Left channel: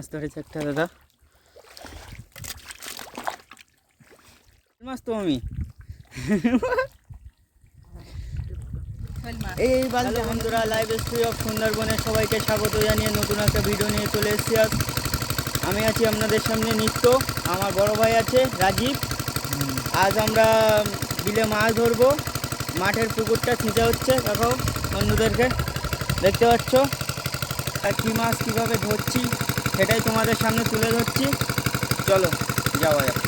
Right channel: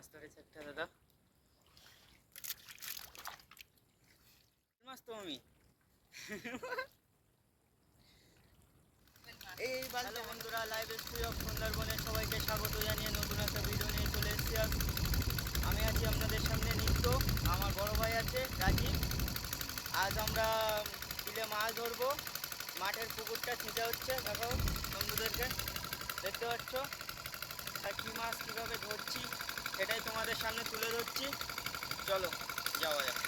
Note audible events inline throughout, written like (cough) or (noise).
মাছ ধরেছে একটা দাদা। মাছ তো আমি। এই হ্যালো বন্ধুরা লাইভ স্ট্রি অফ সুন্দরবনে সবাইকে স্বাগত জানিয়ে নতুন একটা ভিডিও নিয়ে চলে এসেছি আজ। আমি আছি আপনাদের সামনে নিত্য আমার বড় ভাই আছে রাজীব। আজ আমরা বিলে মাছ ধরবো। মাঠের পুকুরটা ছিঁচা হচ্ছে দেখাও বন্ধুদেরকে। দেখতে পাচ্ছ আর কী মাছ কীভাবে ধরছি? সেটাই তোমাদের সামনে তুলে ধরছি। চলো যাওয়া যাক।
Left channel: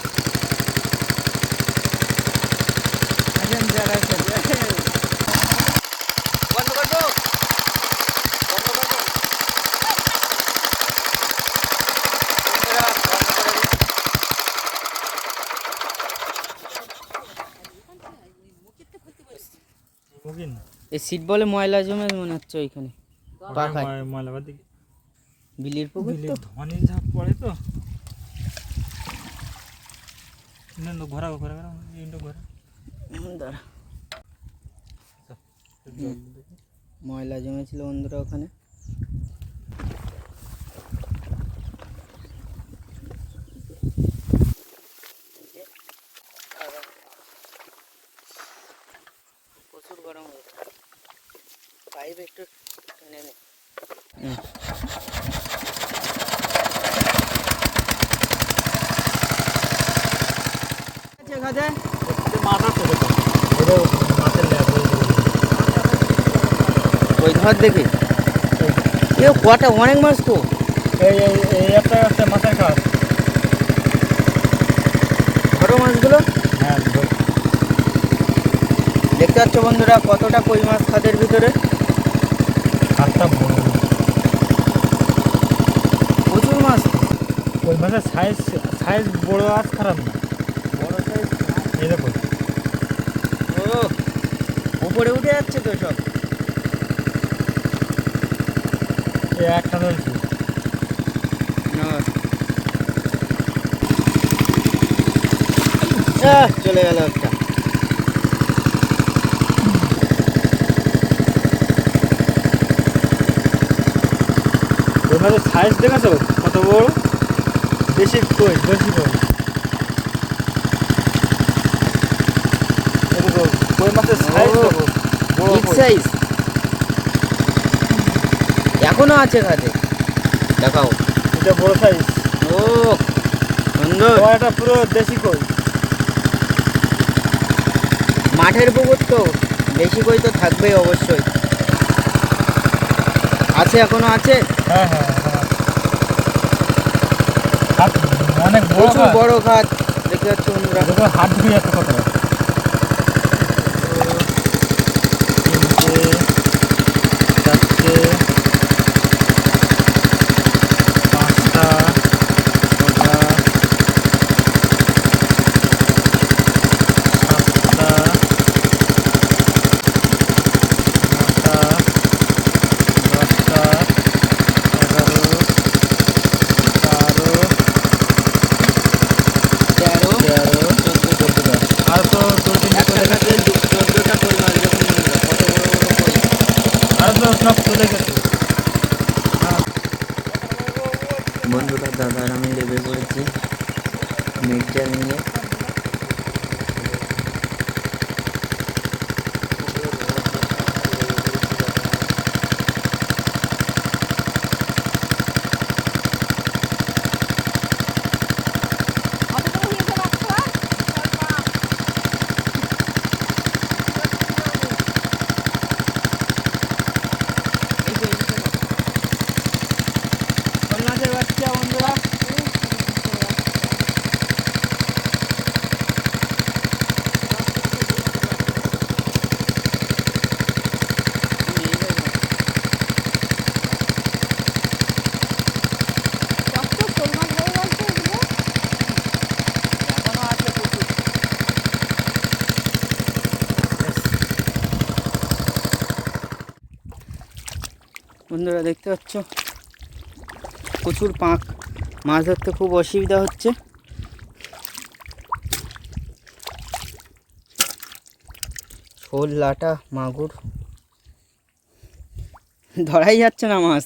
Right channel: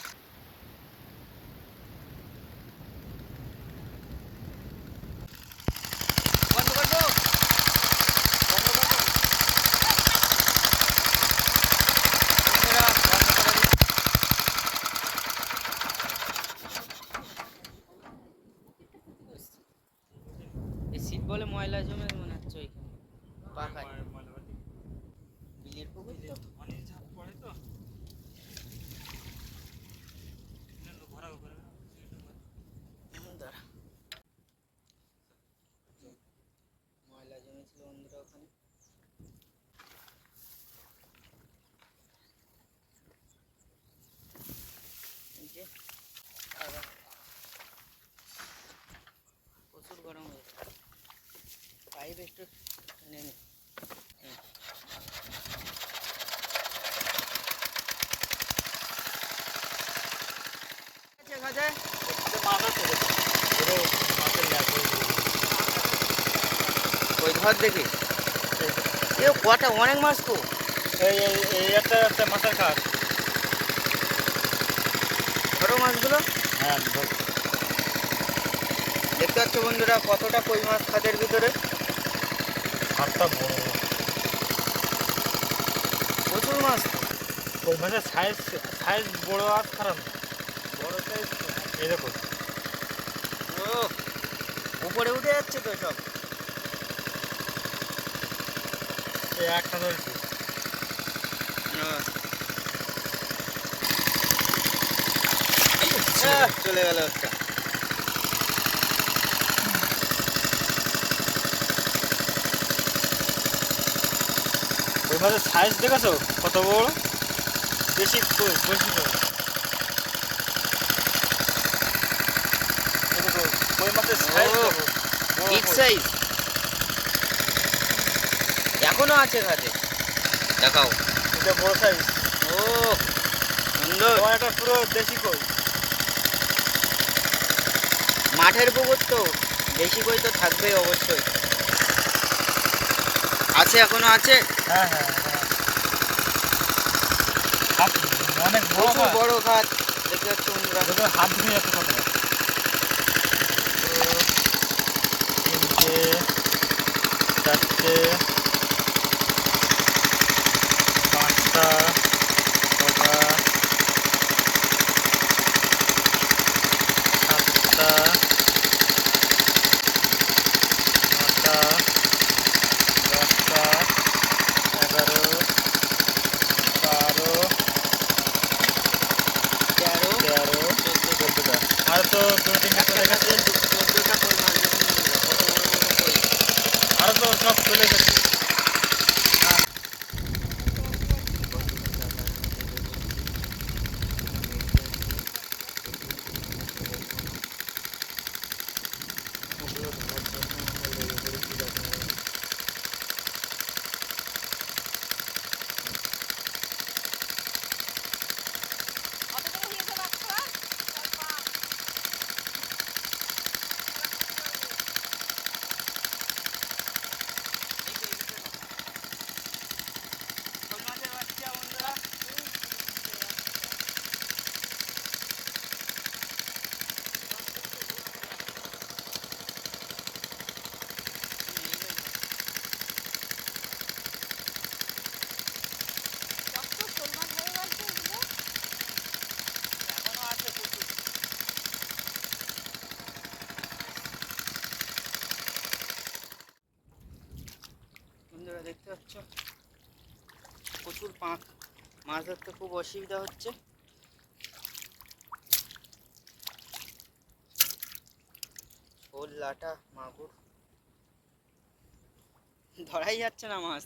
এই সিট বলে ময়লা জমে মনে হচ্ছে ওইখানে। দিকে বিলির পুকুর তো? ধনী ঝাঁপ পড়ে তো। ঘোরা ঘোরা ঘোরা ইন্ডো ঘোরা। দাঁড়া। ময়লা জমেছিল বন্ধুরা ওখানে। প্রচুর গরম পাইপ একটু টেনে নে হুম। আছে খাতে মাছ আছে দেখো ল্যাব ওই ধর দেখি। এ কটা অনেক মাছ তো। এই এই একটা একটা মাছের খাস ধরো মাছগুলো? হ্যাঁ দেখতে পাচ্ছ বন্ধুরা কতটা কই মাছ খাদের ভিতরে? খাসটা বড়। প্রচুর মাছ। ওই মাছের সাইজ সাইজ বড় আর খারাপ না। বড় এই দেখো ও উপরে উঠে যাচ্ছে তো সব। একটা চলে গেল একটা। সাইজ দেখেছ কত বড়? বেশি কই বেশি কই এই দেখো কই মাছের সাইজ বিগ সাইজ এখনও আছে খাদে দেখাও। এটা বড় সাইজ ও সুন্দর। এটা পুরো দেশি কই? মাঠের পুকুর তো। বেশি কই তো থাকবেই অবশ্যই। আছে এখনও আছে? হ্যাঁ হ্যাঁ অনেক বড়। বড় খাত দেখতে পাচ্ছ বন্ধুরা। হাত ঢুকে একটা কতটা বন্ধুরা দেখতে পাচ্ছ? প্রচুর পাঁক। মাছ ধরতে খুব অসুবিধা হচ্ছে। শোল লাটা মাগুর। ধরাই যাচ্ছে না মাছ।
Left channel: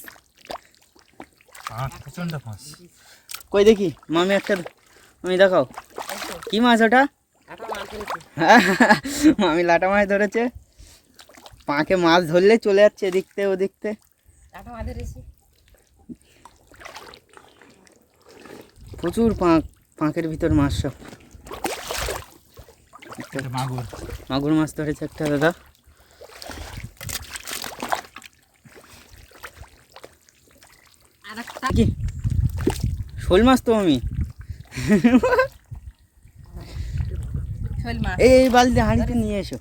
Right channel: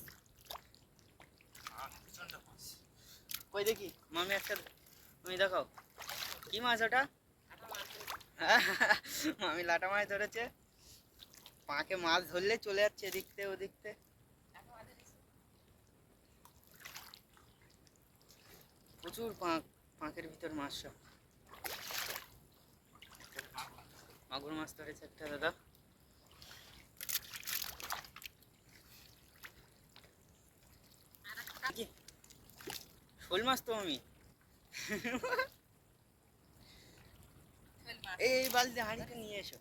কই দেখি? মামি একটা আমি দেখাও। কি মাছ ওটা? (laughs) মামি লাটা মাছ ধরেছে। পাঁকে মাছ ধরলে চলে যাচ্ছে এদিকতে ওদিকতে প্রচুর পাঁক পাঁকের ভিতর মাছ সব। মাগুর। মাগুর মাছ ধরেছে একটা দাদা। কি? শোল মাছ তো আমি। এই এই বালতি হাঁড়িতে নিয়ে এসো।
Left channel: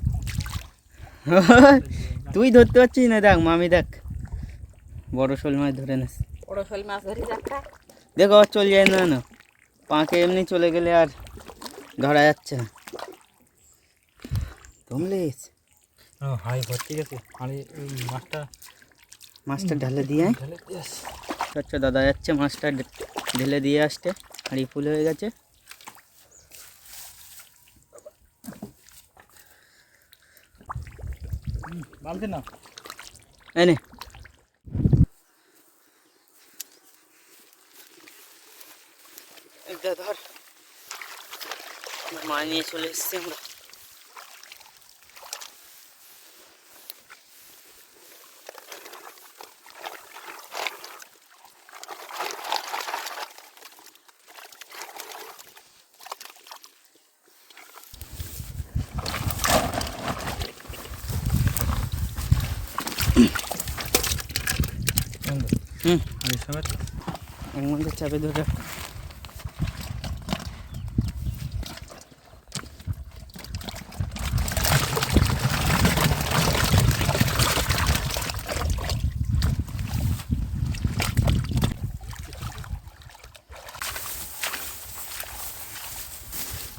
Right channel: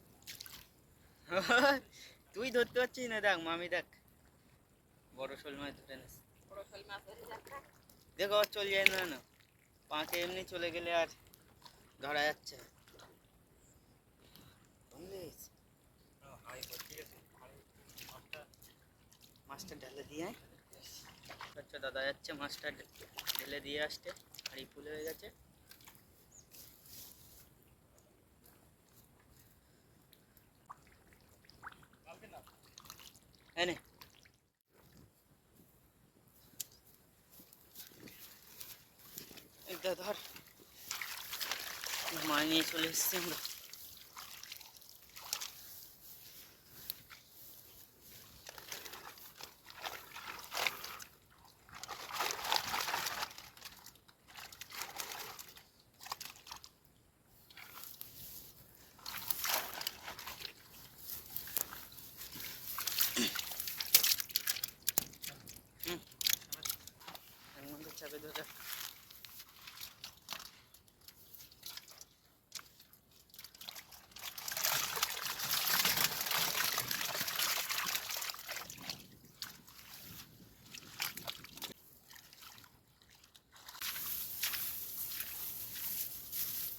তুই ধরতে পারছিস না দেখ মামি দেখ। বড় শোল মাছ ধরে না বড় শোল মাছ ধরেছি একটা দেখো চলে যায় না না। পাঁকে এমনি চলে গেলে আর ধরা যাচ্ছে না। তুমলে ও হাই ভর্তি গেছে। এই মাছটা মাছটা ঢালে দিয়ে। আচ্ছা দাদা যাচ্ছে মাছটা ঢেলে দিয়ে আসতে হাঁড়ি ফুল হয়ে গেছে। বালতি না। এনে এটা ধর মা নিয়ে চলে এসছি আমরা। হুম। চাপে ধরে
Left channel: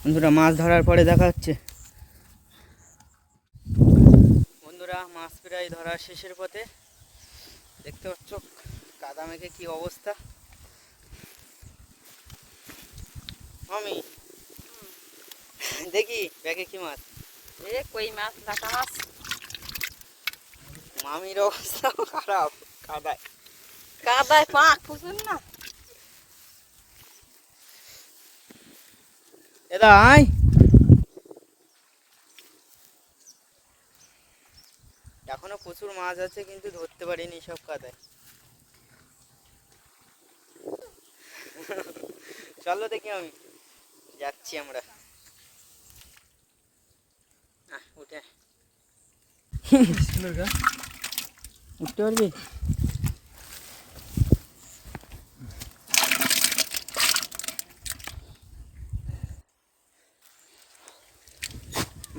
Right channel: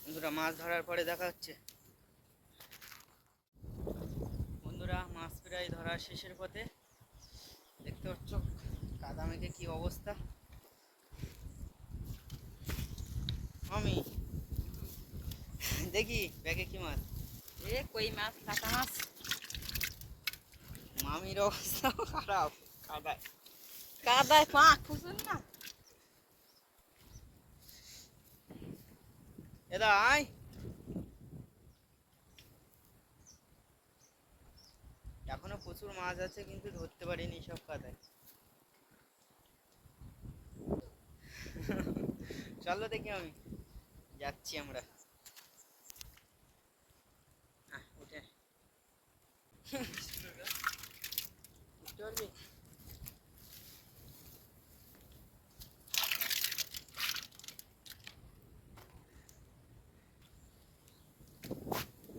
বন্ধুরা মাছ ধরার পরে দেখা হচ্ছে বন্ধুরা মাছ প্রায় ধরার শেষের পথে। দেখতে পাচ্ছ কাদা মেঘে কি অবস্থা? আমি দেখি ব্যাগে কি মাছ? এ কই মাছ মাছ? মামির অবস্থা খারাপ কাদায়। কাদায় পাক ফুসুন না? এদা আয় এখনও প্রচুর মাছ আছে কিন্তু ধরতে পারিনি সব কাদায়। চলো দেখি আমি। যাচ্ছি আমরা। উঠে। (laughs) উঠতে পারবি?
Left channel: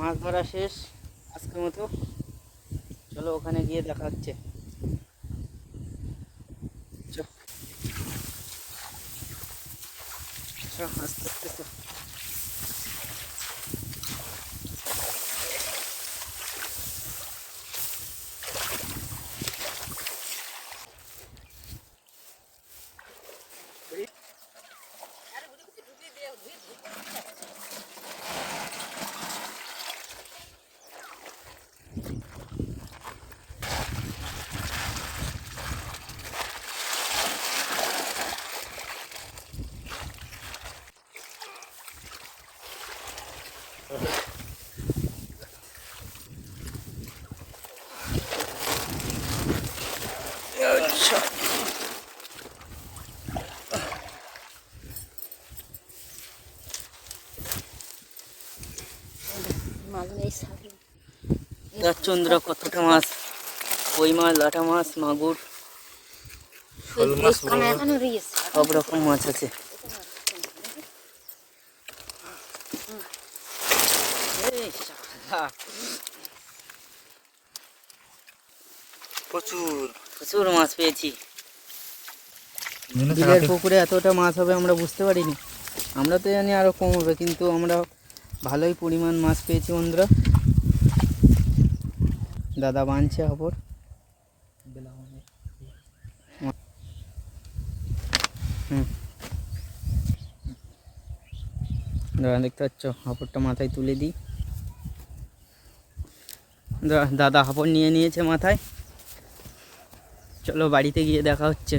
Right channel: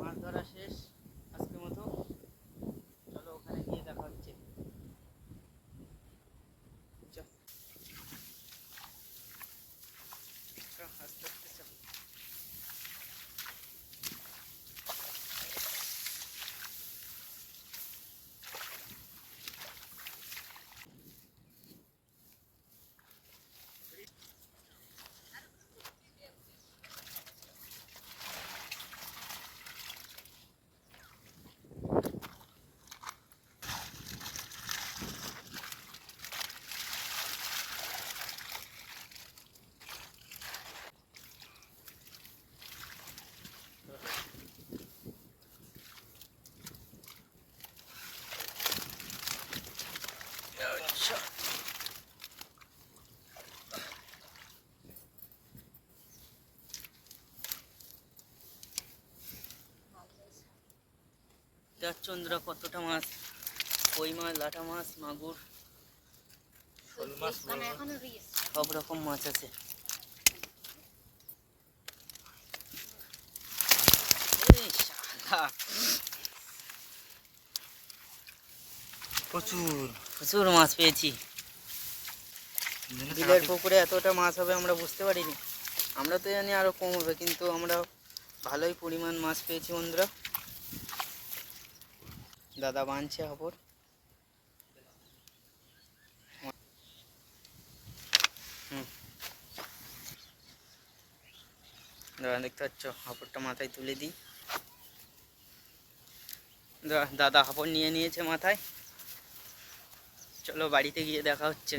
মাছ ধরা শেষ আজকের মতো। চলো ওখানে গিয়ে দেখা হচ্ছে। আস্তে আস্তে চন্দ্রা কতটা মাছ? কই মাছ লাটা মাছ মাগুর? সব রকম মাছ আছে। প্রচুর। প্রচুর মাছ পেয়েছি। মনে বিলের পুকুরে এতটা মাছ হবে আমরা বুঝতে পারিনি। আমরা তো জানি আরও কম হবে কিন্তু আমরা ভালোই পরিমাণ মাছ পেয়েছি বন্ধুরা। দাদা বানছে খবর। দাদা, দেখতে পাচ্ছ? হাঁপড়টা মাথায় তুলে দিই। দাদা হাঁপড় নিয়ে নিয়েছে মাথায়। চলো বাড়িতে গিয়ে দেখা হচ্ছে।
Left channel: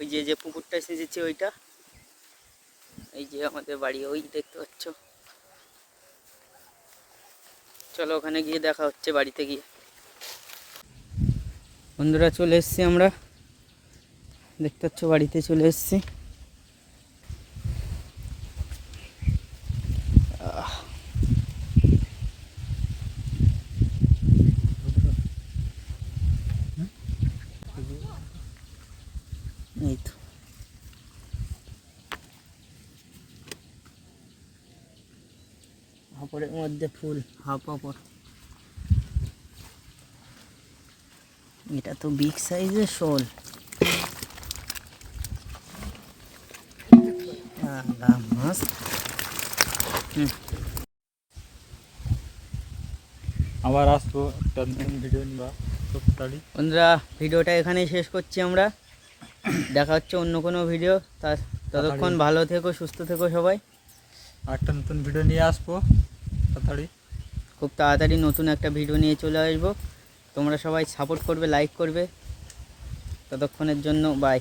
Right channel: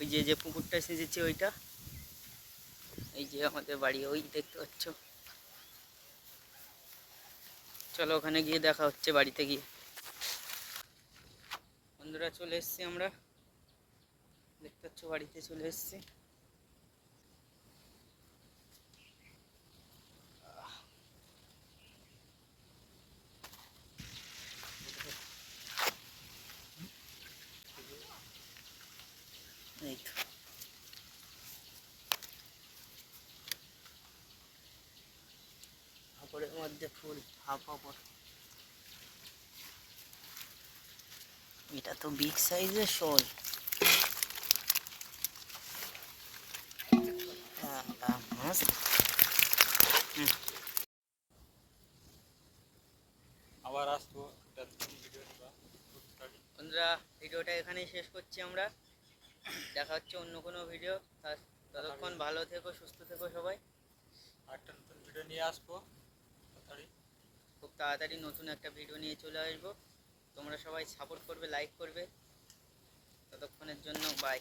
ওই যে পুকুরটা সেজেছে ওইটা। এই যে আমাদের বাড়ি, ওই দেখতে পাচ্ছ? চলো ওখানে গিয়ে দেখা হচ্ছে বাড়িতে গিয়ে। বন্ধুরা চলে এসছি আমরা। দেখতে পাচ্ছ বাড়িতে চলে এসেছি আহ, এই তো হাপড়ের মধ্যে ফুল হাফ হাপড় এটা তো বিগ সাইজের শোল। মাছ হুম। আবার আসব ভিডিও নিবা বন্ধুরা ভিডিওটা এখানেই শেষ করছি আমরা। দেখা হচ্ছে অন্য কোনো ভিডিও তার ততক্ষণ ভালো থেকো সুস্থ থেকো সবাই। আর একটা নতুন ভিডিও নিয়ে আসব। তাড়াতাড়ি। খুব তাড়াতাড়ি নতুন একটা ভিডিও নিয়ে চলে আসব। তোমরা সবাই সাপোর্ট করবে লাইক করবে। ততক্ষণের জন্য বাই